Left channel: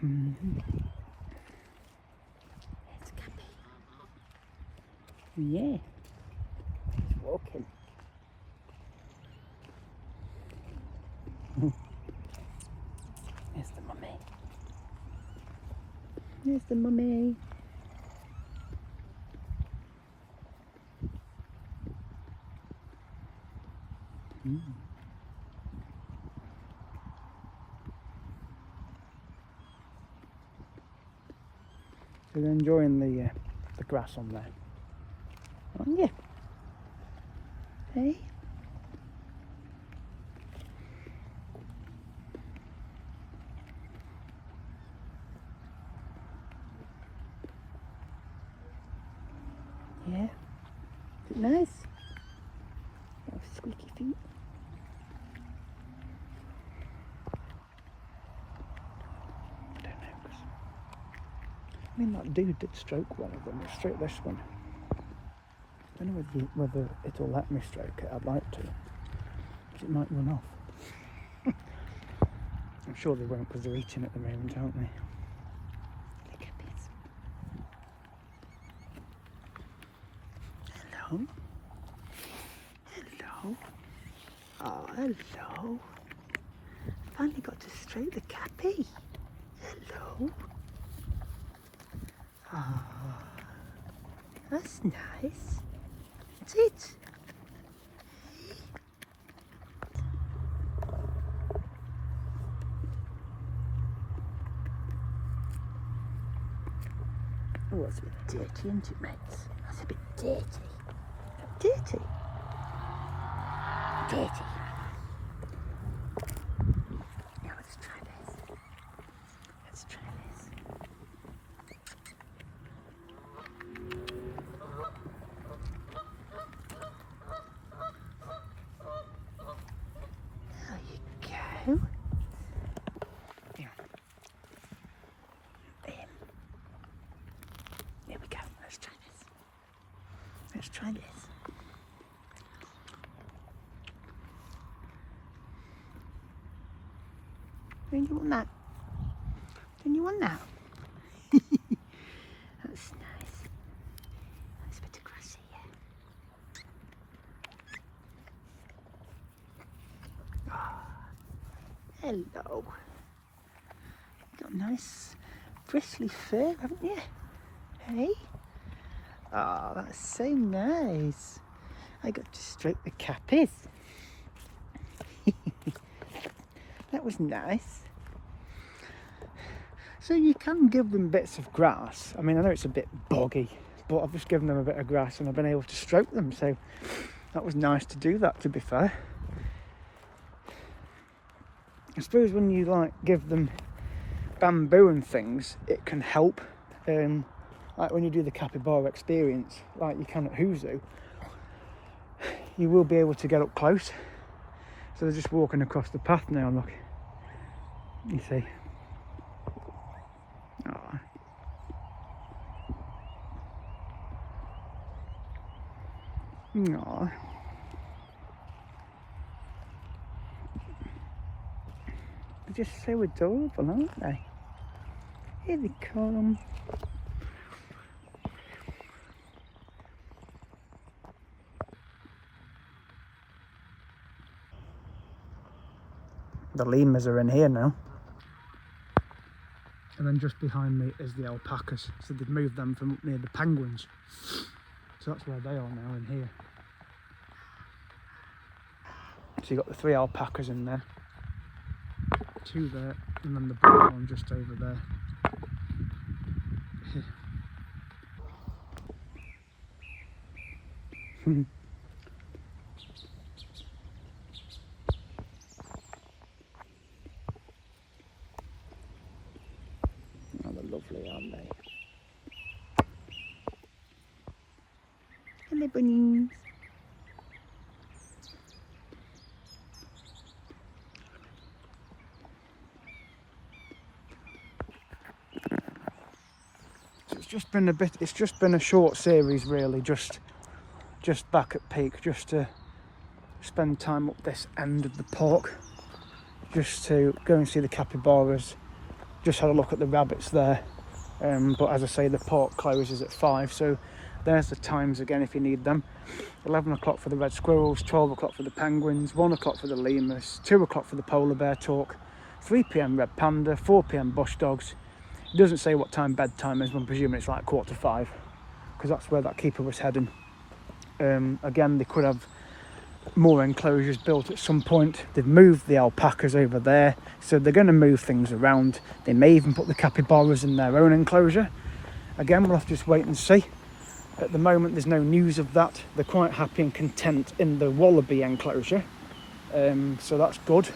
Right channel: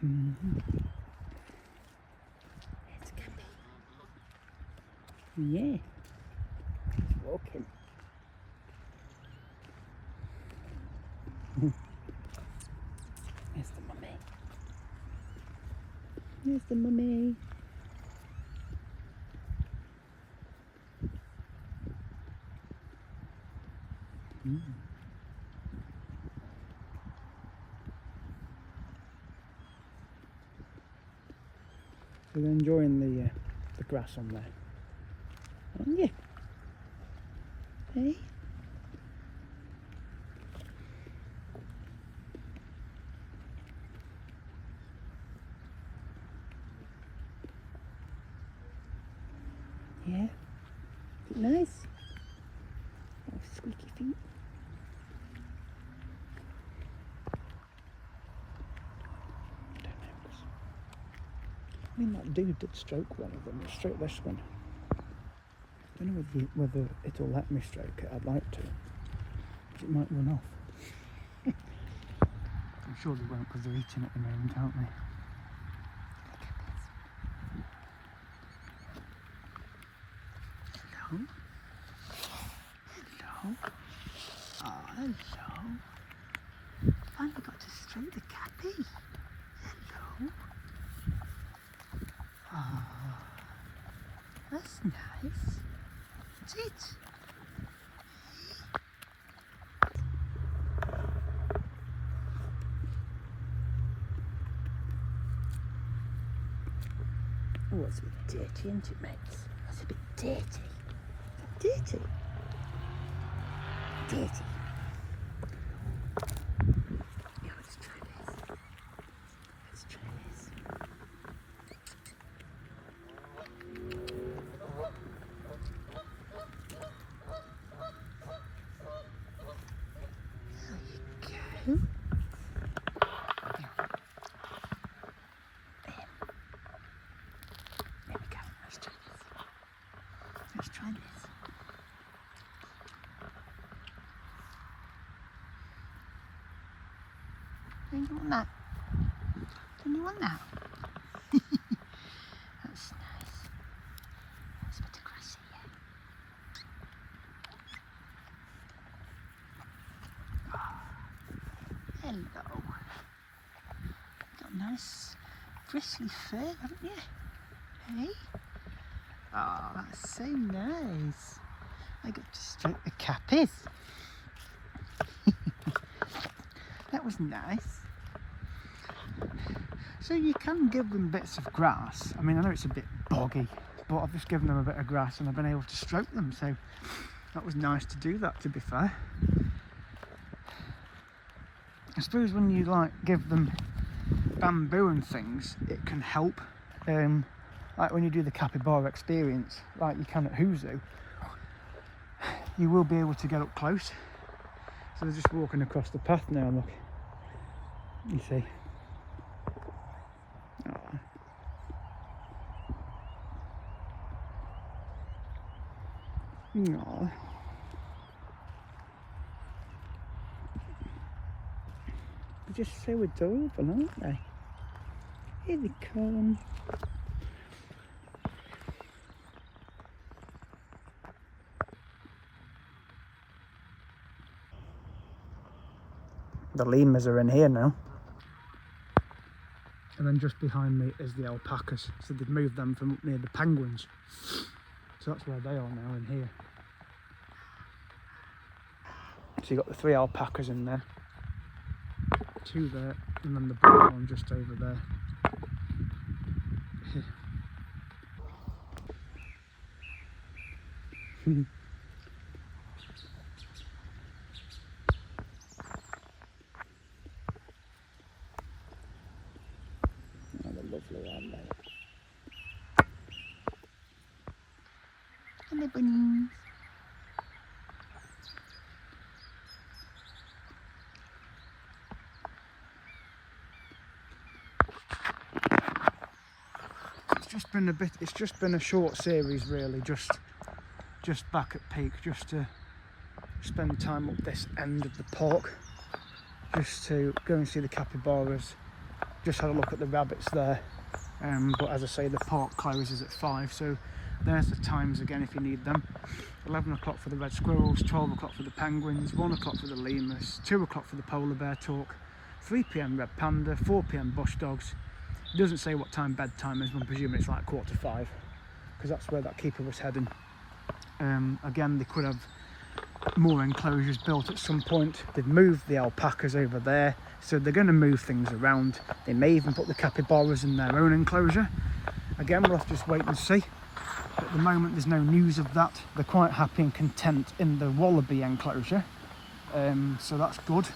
It's Cappy. Yeah. He's walking. Here's the mummy. Here's the mummy. So they're enjoying the grass on there, aren't you? Hey? Yeah? Is it nice? Oh, squeaky feet. I don't know, 'cause I mean, that dude did stroke one of them. It stroked this one. I don't know whether it'll let me stroke it. I'd like to, but it might run off. I'm sure they won't, because they're eating at the moment, aren't they? Look at this. Hello. Hello. Oh, hello. Finally got to stroke the Cappy. Hello. Oh, that's nice. That's it. Oh, it's a bit dirty, isn't it, mates? It's a bit dirty. Is that dirty? Dirty. Now let's try this. Let's try this. There you go. There we go. Let's try this. Let's try this. Don't you want that? Don't you want that? That's nice. There's a bit of grass here. Oh, hello. Got nice bristly fur, haven't you? Hey? Oh, that's so nice. I got to stroke the Cappies. That was nice. So you can give them bits of grass. I mean, I know it's a bit boggy, but I've just given them a bit of grass and I've been able to stroke them. So that was nice to do that, to be fair. I suppose when you like give them bamboo and things, it can help. Like when you do the capybara experience, like you can at Huzu, you will be able to get up close. So they're just walking across the path now, look. You see. Oh. Oh. They're just so adorable, aren't they? Here they come. The lemurs are in here now. And then just behind me is the alpacas. So they've moved them from up near the penguins. So that's where they are now, in here. So you've got the 3 alpacas in there. 2 there, and then the big one just over there. Oh, they're lovely, aren't they? Hello, bunnies. It's just been a short series, really, just back at Peak, just to spend time up this end of the park, just to go and see the capybaras, just had a look at the rabbits there. But as I say, the park closes at 5, so there's the times again if you need them. 11 o'clock for the red squirrels, 12 o'clock for the penguins, 1 o'clock for the lemurs, 2 o'clock for the polar bear talk, 3 p.m. red panda, 4 p.m. bush dogs. It doesn't say what time bedtime is, but I'm presuming it's like 4:45, because that's where that keeper was heading. Again, they could have more enclosures built at some point. They've moved the alpacas over there, so they're going to move things around. They may even put the capybaras in their own enclosure. Again, we'll have to just wait and see. At the moment, there's no news of that. They're quite happy and content in the wallaby enclosure, so that's good.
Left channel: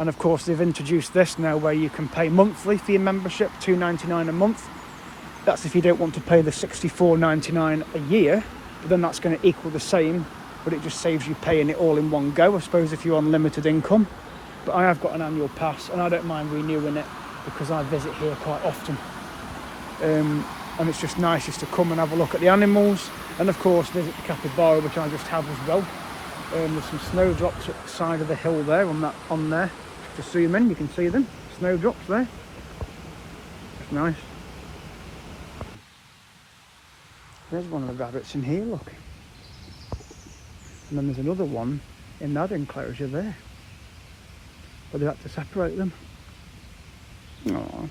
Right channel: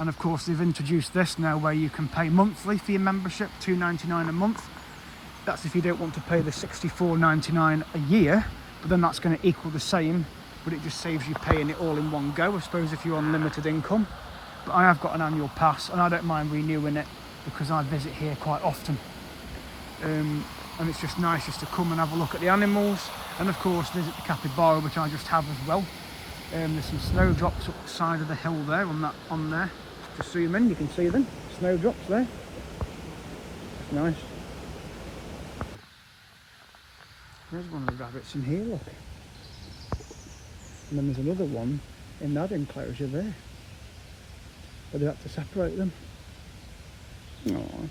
And of course, they've introduced this now where you can pay monthly for your membership, $2.99 a month. That's if you don't want to pay the $64.99 a year, but then that's going to equal the same, but it just saves you paying it all in one go, I suppose, if you're on limited income. But I have got an annual pass and I don't mind renewing it because I visit here quite often. And it's just nice just to come and have a look at the animals, and of course visit the capybara, which I just have as well. There's some snowdrops up the side of the hill there, on there. Just zoom in, you can see them, snowdrops there. That's nice. There's one of the rabbits in here, look. And then there's another one in that enclosure there, but they had to separate them. Aww.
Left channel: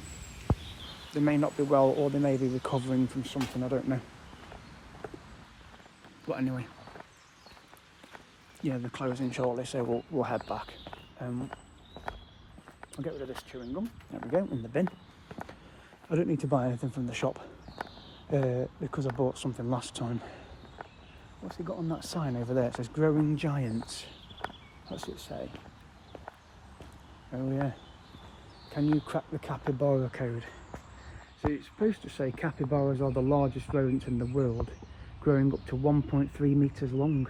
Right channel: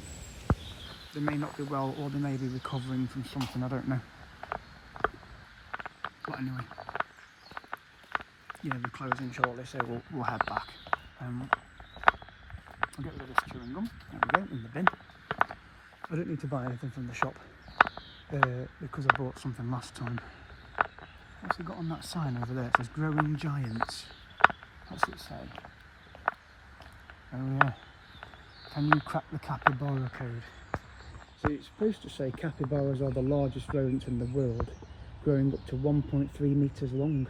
They may not be well, or they may be recovering from something, I don't know. But anyway, yeah, they're closing shortly, so we'll head back. I'll get rid of this chewing gum. There we go, in the bin. I don't need to buy anything from the shop because I bought something last time. What's it got on that sign over there? It says Growing Giants. What's it say? Oh yeah. Can you crack the capybara code? So it's supposed to say capybaras are the largest rodents in the world, growing up to 1.3 metres long.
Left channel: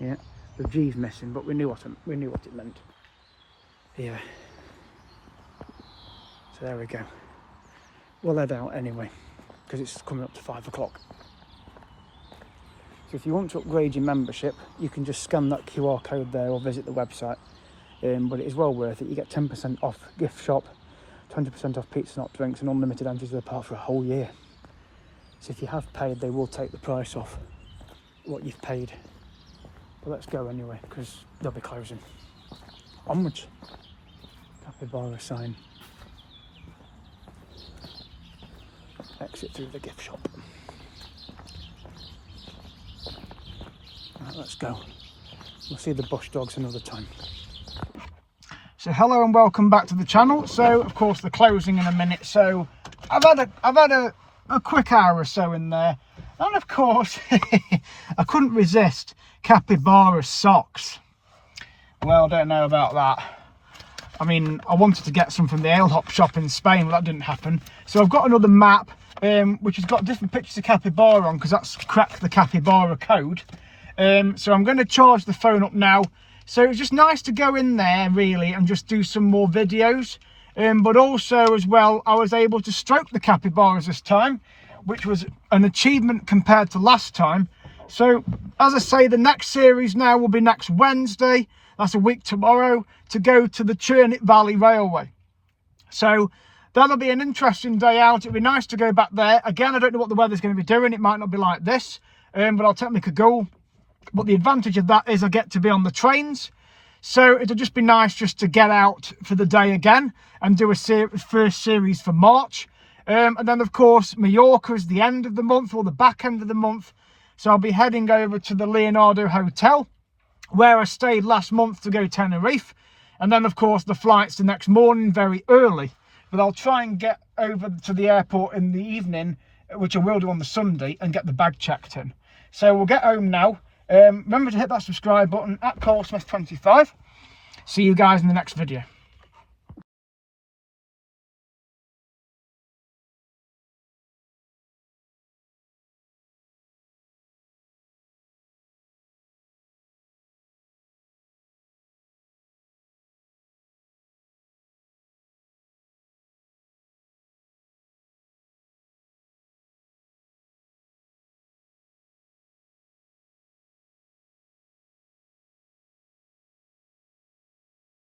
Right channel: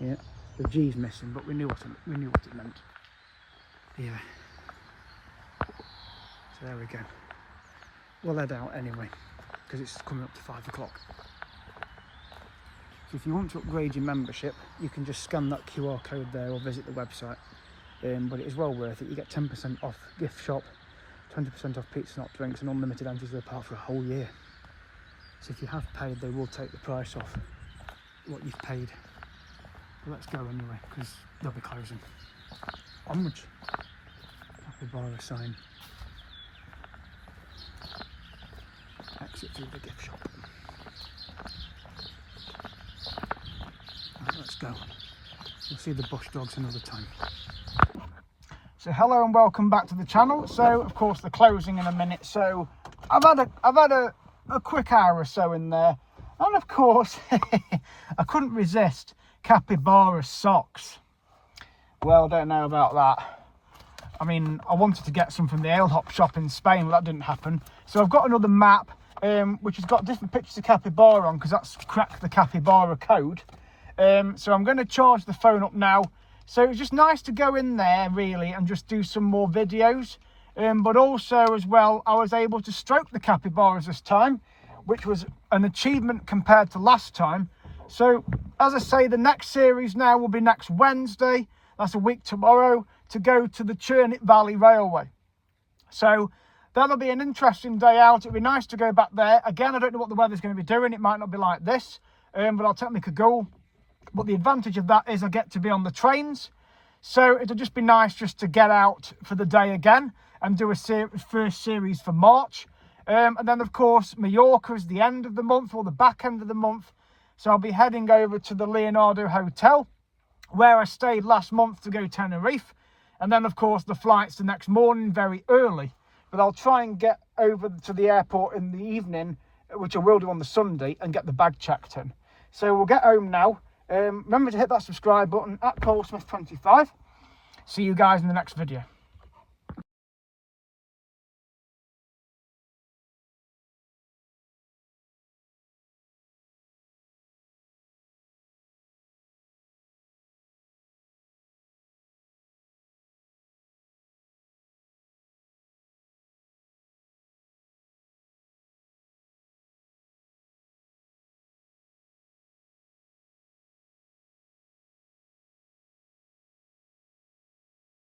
Yeah, the G's missing, but we knew what it meant. Yeah. So there we go. We'll head out anyway, because it's coming up to 5 o'clock. So if you want to upgrade your membership, you can just scan that QR code there or visit the website. But it is well worth it. You get 10% off gift shop, 20% off pizza, not drinks, and unlimited entries to the park for a whole year. So if you have paid, they will take the price off what you've paid. But let's go anyway, because they'll be closing. Onwards. Capybara sign. Exit through the gift shop. Right, let's go. We'll see the bush dogs another time. So hello and welcome back to the channel. So of course they're closing in a minute, so I've had a quick hour or so in there, and of course I couldn't resist capybara socks. Well, I don't know about that. I mean, I wanted to get some from the ale hop shop in Spain, but that didn't happen. So I've got another map which has got different pictures of capybara on, because that's cracked the capybara code. So I'm going to charge the phone up now. So it's just nice to go in there really and just do some more videos. But also as well, I was able to stroke the capybaras this time, which was an achievement compared to last time. So as I say, the next series now will be next Wednesday. That's a week tomorrow, to go to the Churnit Valley Railway. So that'll be an interesting day out. It'll be nice to go back there. Again, I don't know what the weather's going to be doing. It might not be like this, but I'll take a go. But the advantage of that is I get to be on the trains. So it'll just be nice just to get out for the day again and do a first series for March. And then, of course, Mallorca is the end of the month, or the back end of the month. So I'll be heading over to the Leonardo Hotel, where I stayed last month, to go Tenerife. And then, of course, the flight's the next morning, very early. But I'll try and get over to the airport in the evening, which I will do on the Sunday, and get the bag checked in. So we'll get home now. Remember to hit that subscribe button at ColeSmith25. See you guys in the next video.